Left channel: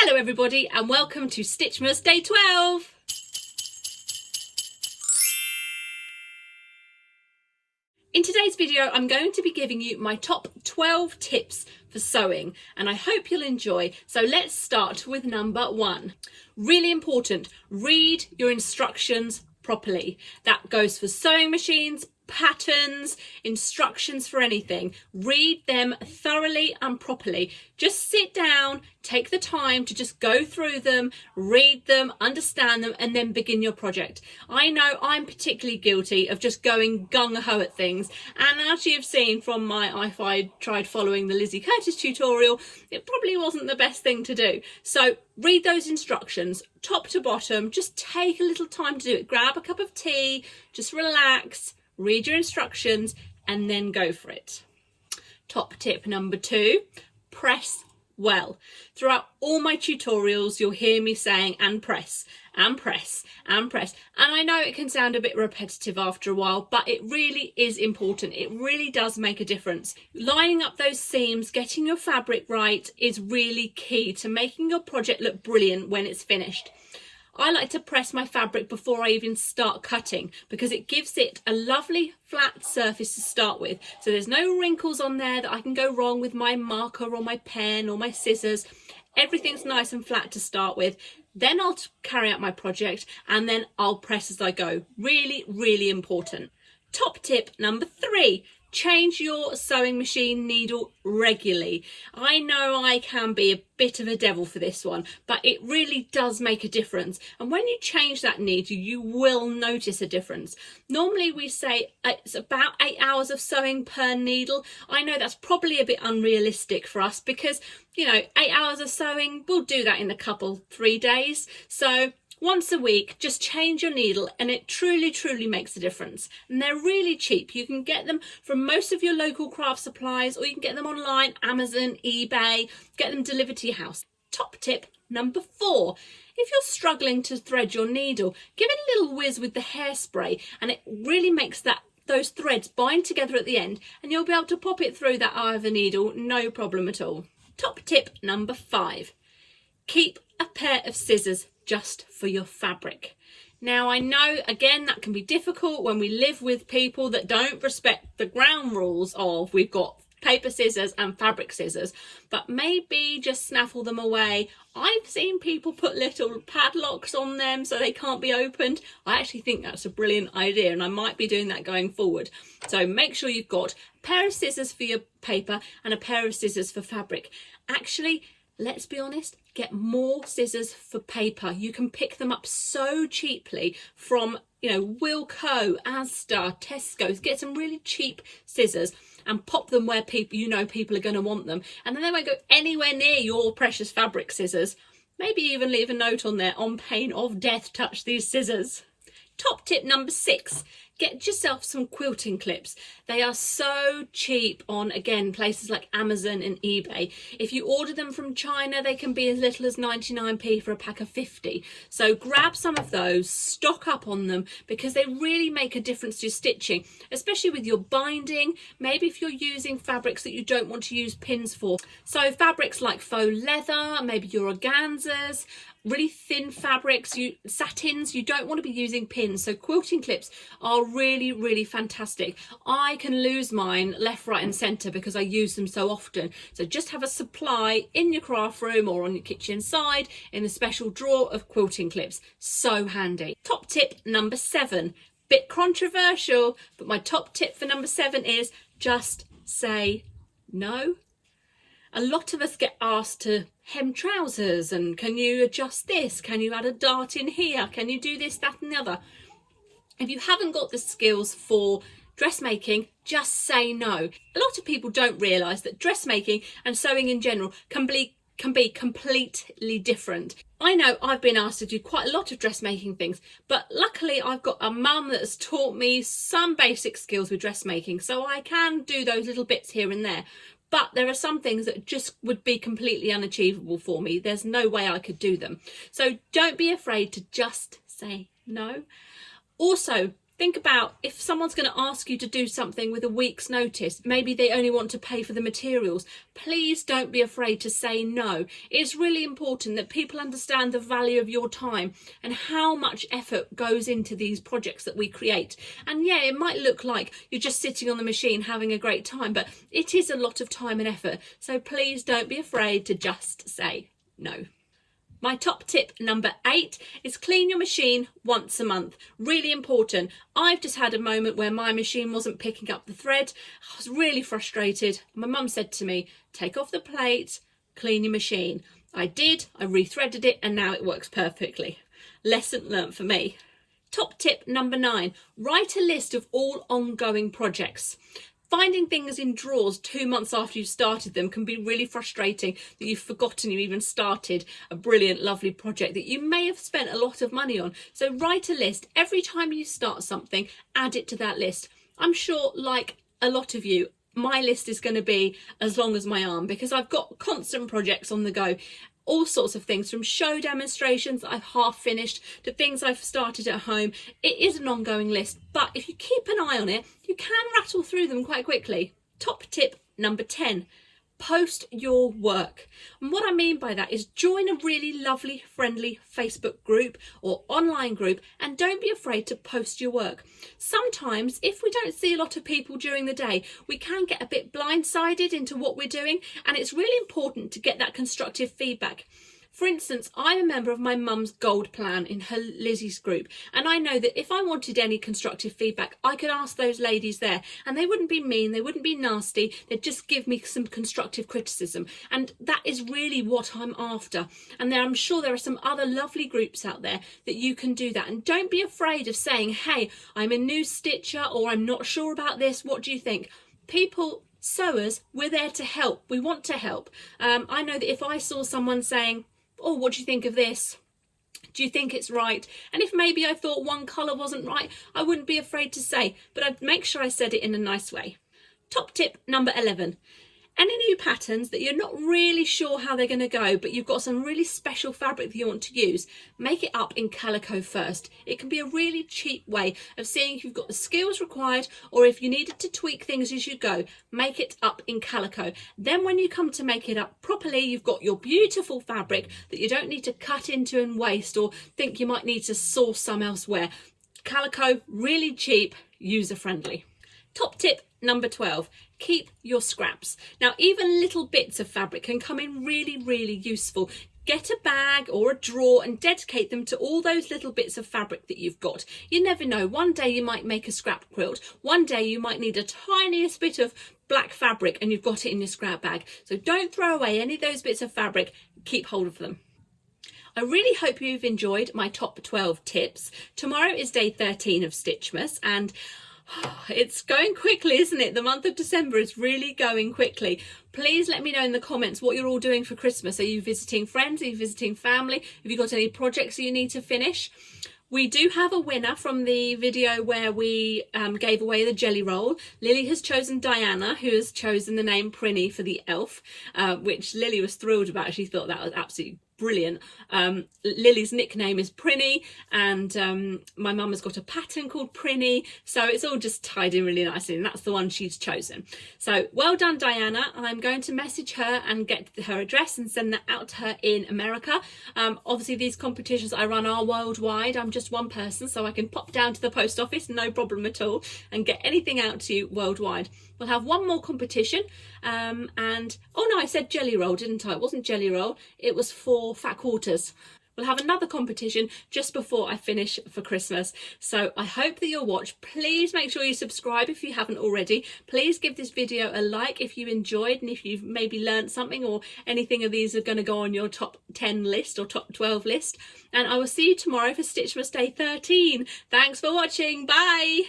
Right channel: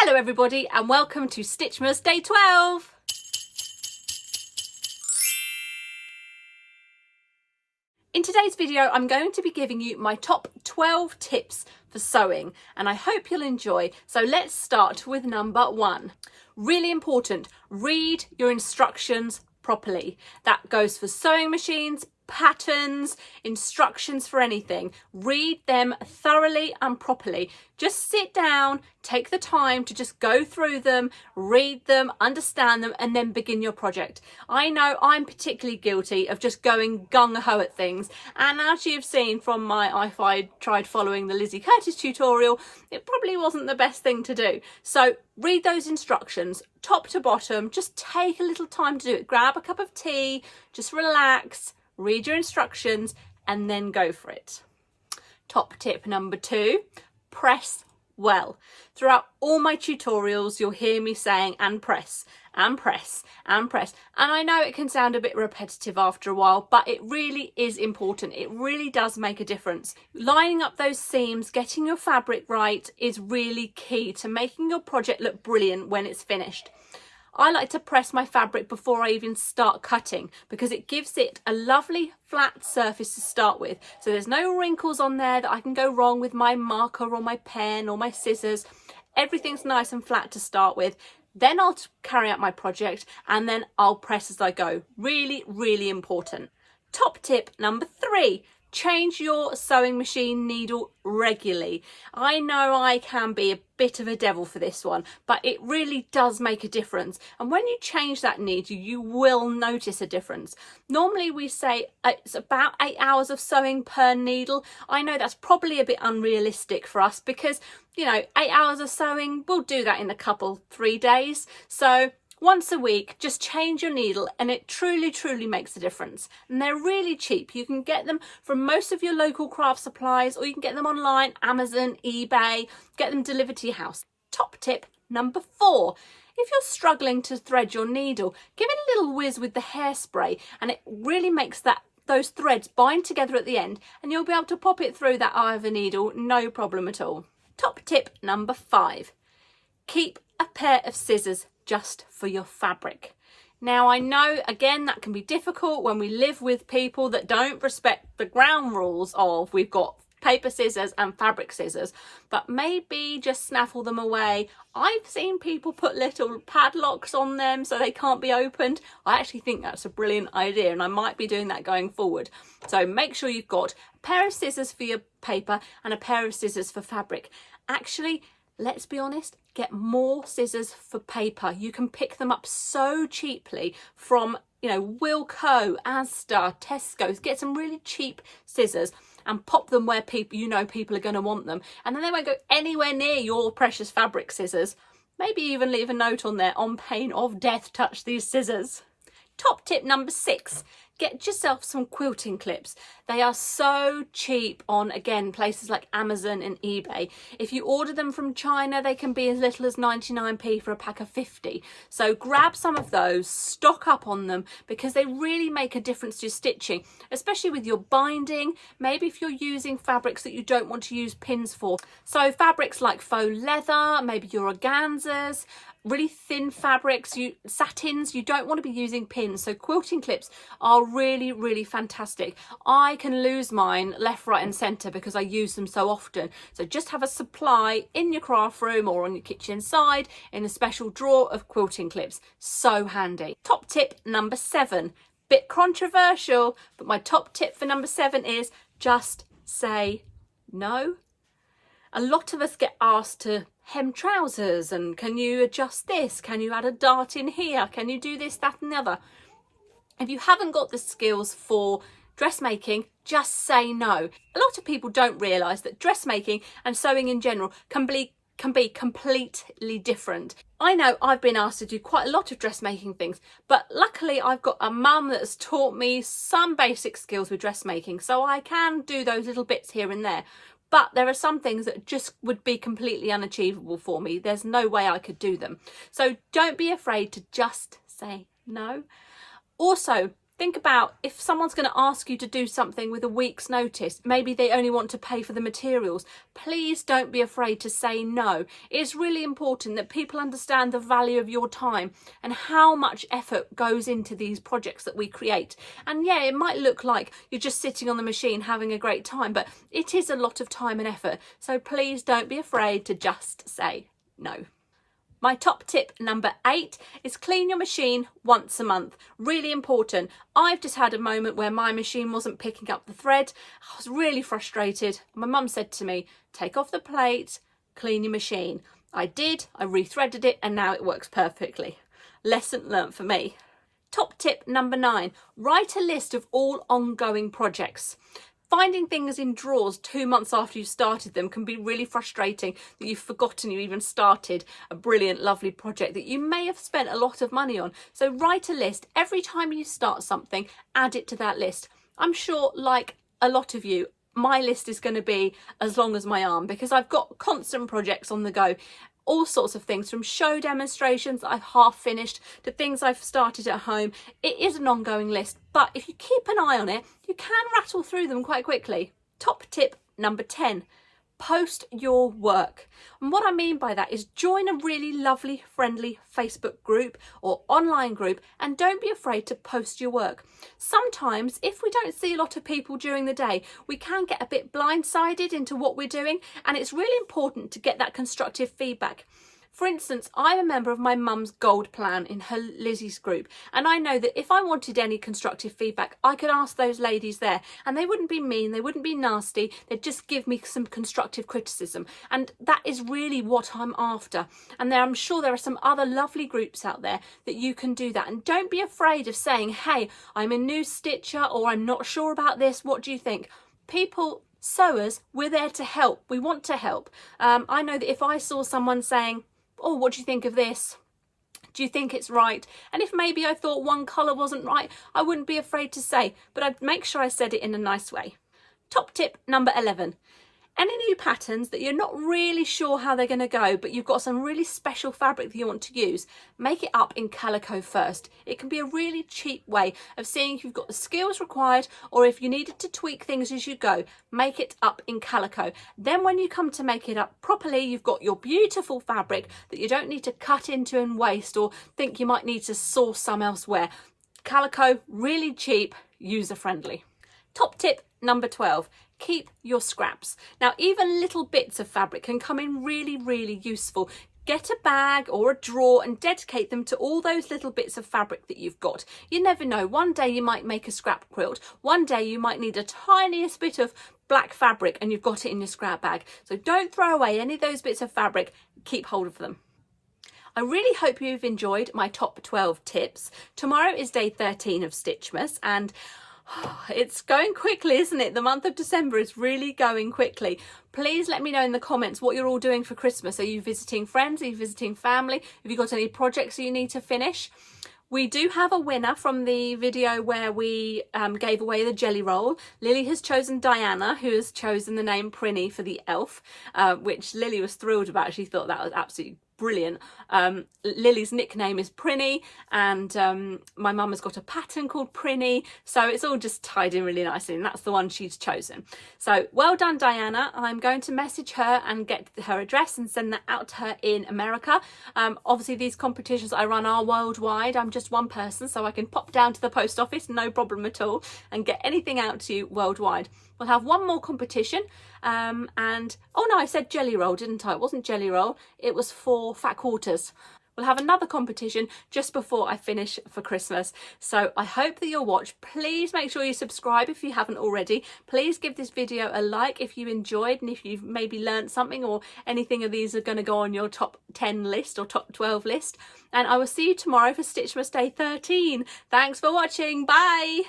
Hello everybody and welcome to Stitchmas Day 12. In today's video I'm going to be giving you my top 12 tips for sewing and I hope you'll enjoy. So let's start with number 1. Really important, read your instructions properly. That goes for sewing machines, patterns, instructions for anything. Read them thoroughly and properly. Just sit down, take the time to just go through them, read them, understand them, and then begin your project. I know I'm particularly guilty of just going gung-ho at things, and as you've seen from my if I tried following the Lizzie Curtis tutorial, it probably wasn't the best thing to do. So read those instructions top to bottom, just take a little time to do it. Grab a cup of tea, just relax, read your instructions and then go for it. Top tip number 2, press well. Throughout all my tutorials you'll hear me saying and press and press and press, and I know it can sound a bit repetitive after a while, but it really is important. It really does make a difference. Lining up those seams, getting your fabric right is really key to making your project look brilliant when it's finished. I like to press my fabric before I even start cutting because it gives it a lovely flat surface to start with. So there's no wrinkles on there that I can go wrong with my marker or my pen or my scissors. Everything's nice and flat to start with. Then I'll carry out my project and then I'll press as I go. Really, really important. Top tip number 3. Change your sewing machine needle regularly. I know I can be a bit of a devil for this one, but it really does make a difference. And when you change that needle, you will notice a difference. Normally we say it's about 8 hours of sewing per needle. I know that's probably a bit unrealistic for us because, you know, 8 hours of sewing, we'll do that in a couple, 3 days. So once a week, just change your needle and it truly makes a difference. And they're really cheap. You can get them from most of your local craft supplies or you can get them online, Amazon, eBay, get them delivered to your house. Top tip number 4. If you're struggling to thread your needle, give it a little whiz with the hairspray and it really makes those threads bind together at the end and you'll be able to pop it through that eye of the needle, no problem at all. Top tip number 5. Keep a pair of scissors just for your fabric. Now I know again that can be difficult when we live with people that don't respect the ground rules of we've got paper scissors and fabric scissors, but maybe just snaffle them away. I've seen people put little padlocks on them so they can't be opened. I actually think that's a brilliant idea and I might be doing that going forward. So make sure you've got a pair of scissors for your paper and a pair of scissors for fabric. Actually, let's be honest, get more scissors for paper. You can pick them up so cheaply from, you know, Wilko, Asda, Tesco's. Get some really cheap scissors and pop them where people, you know, people are going to want them. And then they won't go anywhere near your precious fabric scissors. Maybe even leave a note on there, on pain of death, touch these scissors. Top tip number 6. Get yourself some quilting clips. They are so cheap on, again, places like Amazon and eBay. If you order them from China, they can be as little as 99p for a pack of 50. So grab some of those, stock up on them because they really make a difference to stitching, especially with your binding. Maybe if you're using fabrics that you don't want to use pins for. So fabrics like faux leather, maybe your organzas, really thin fabrics, satins, you don't want to be using pins. So quilting clips are really fantastic. I can lose mine left, right and centre because I use them so often. So just have a supply in your craft room or on your kitchen side in a special drawer of quilting clips. So handy. Top tip number 7. Bit controversial, but my top tip for number 7 is just say no. A lot of us get asked to hem trousers and can you adjust this? Can you add a dart in here? Can you do this, that and the other? If you haven't got the skills for dressmaking, just say no. A lot of people don't realise that dressmaking and sewing in general can be completely different. I know I've been asked to do quite a lot of dressmaking things, but luckily I've got a mum that's taught me some basic skills with dressmaking, so I can do those little bits here and there. But there are some things that just would be completely unachievable for me. There's no way I could do them. So don't be afraid to just say no. Also, Think about if someone's going to ask you to do something with a week's notice, maybe they only want to pay for the materials. Please don't be afraid to say no. It's really important that people understand the value of your time and how much effort goes into these projects that we create. And yeah, it might look like you're just sitting on the machine having a great time, but it is a lot of time and effort. So please don't be afraid to just say no. My top tip number 8 is clean your machine once a month. Really important. I've just had a moment where my machine wasn't picking up the thread. I was really frustrated. My mum said to me, take off the plate, clean your machine. I did, I rethreaded it, and now it works perfectly. Lesson learnt for me. Top tip number 9, write a list of all ongoing projects. Finding things in drawers 2 months after you've started them can be really frustrating, that you've forgotten you even started a brilliant, lovely project that you may have spent a lot of money on. So write a list. Every time you start something, add it to that list. I'm sure, like a lot of you, my list is going to be as long as my arm because I've got constant projects on the go. All sorts of things, from show demonstrations that I've half finished to things I've started at home. It is an ongoing list, but if you keep an eye on it, you can rattle through them quite quickly. Top tip number 10, post your work. And what I mean by that is join a really lovely, friendly Facebook group or online group, and don't be afraid to post your work. Sometimes if we don't see a lot of people during the day, we can get a bit blindsided into what we're doing, and it's really important to get that constructive feedback. For instance, I'm a member of my mum's gold plan in her Lizzie's group, and I know that if I wanted any constructive feedback, I could ask those ladies there, and they wouldn't be mean, they wouldn't be nasty, they'd just give me some constructive criticism, and that is really what I'm after. And I'm sure there are some other lovely groups out there that you can do that, and don't be afraid of saying, hey, I'm a new stitcher, or I'm not sure about this, what do you think? People, sewers, we're there to help, we want to help. I know that if I saw someone saying, oh, what do you think of this? Do you think it's right? And if maybe I thought one colour wasn't right, I wouldn't be afraid to say, but I'd make sure I said it in a nice way. Top tip number 11. Any new patterns that you're not really sure how they're going to go, but you've got some really special fabric that you want to use, make it up in calico first. It can be a really cheap way of seeing if you've got the skills required, or if you needed to tweak things as you go, make it up in calico. Then when you come to make it up properly, you've got your beautiful fabric that you don't need to cut into and waste, or think you might need to source some elsewhere. Calico, really cheap, user friendly. Top tip number 12. Keep your scraps. Now, even little bits of fabric can come in really, really useful. Get a bag or a drawer and dedicate them to all those little bits of fabric that you've got. You never know, one day you might make a scrap quilt, one day you might need a tiniest bit of black fabric and you've got it in your scrap bag. So don't throw away any of those bits of fabric, keep hold of them. I really hope you've enjoyed my top 12 tips. Tomorrow is day 13 of Stitchmas, and it's going quickly, isn't it? The month of December is really going quickly. Please let me know in the comments what you're all doing for Christmas. Are you visiting friends? Are you visiting family? Have you got any projects that you need to finish? We do have a winner from the video where we gave away the jelly roll. Lily has chosen Diana, who has chosen the name Prinny for the elf, which Lily was thrilled about. She thought that was absolutely brilliant. Lily's nickname is Prinny, and my mum has got a pattern called Prinny, so it's all just tied in really nicely, and that's the one she's chosen. So well done, Diana. I'm going to message her and get her address and send that out to her in America. Obviously these competitions I run are worldwide. I'm just one person, so I can pop down to the post office, no problem at all, and get anything out to you worldwide. We'll have one more competition, and oh no, I said jelly roll, didn't I? It wasn't jelly roll, it was for fat quarters. We'll have another competition just before I finish for Christmas. So I hope that you'll watch. Please make sure you subscribe if you haven't already. Please give this video a like if you enjoyed, and if you've maybe learned something, or anything of these are going to go on your top 10 list or top 12 list. And I will see you tomorrow for Stitchmas Day 13. Thanks for watching. Bye.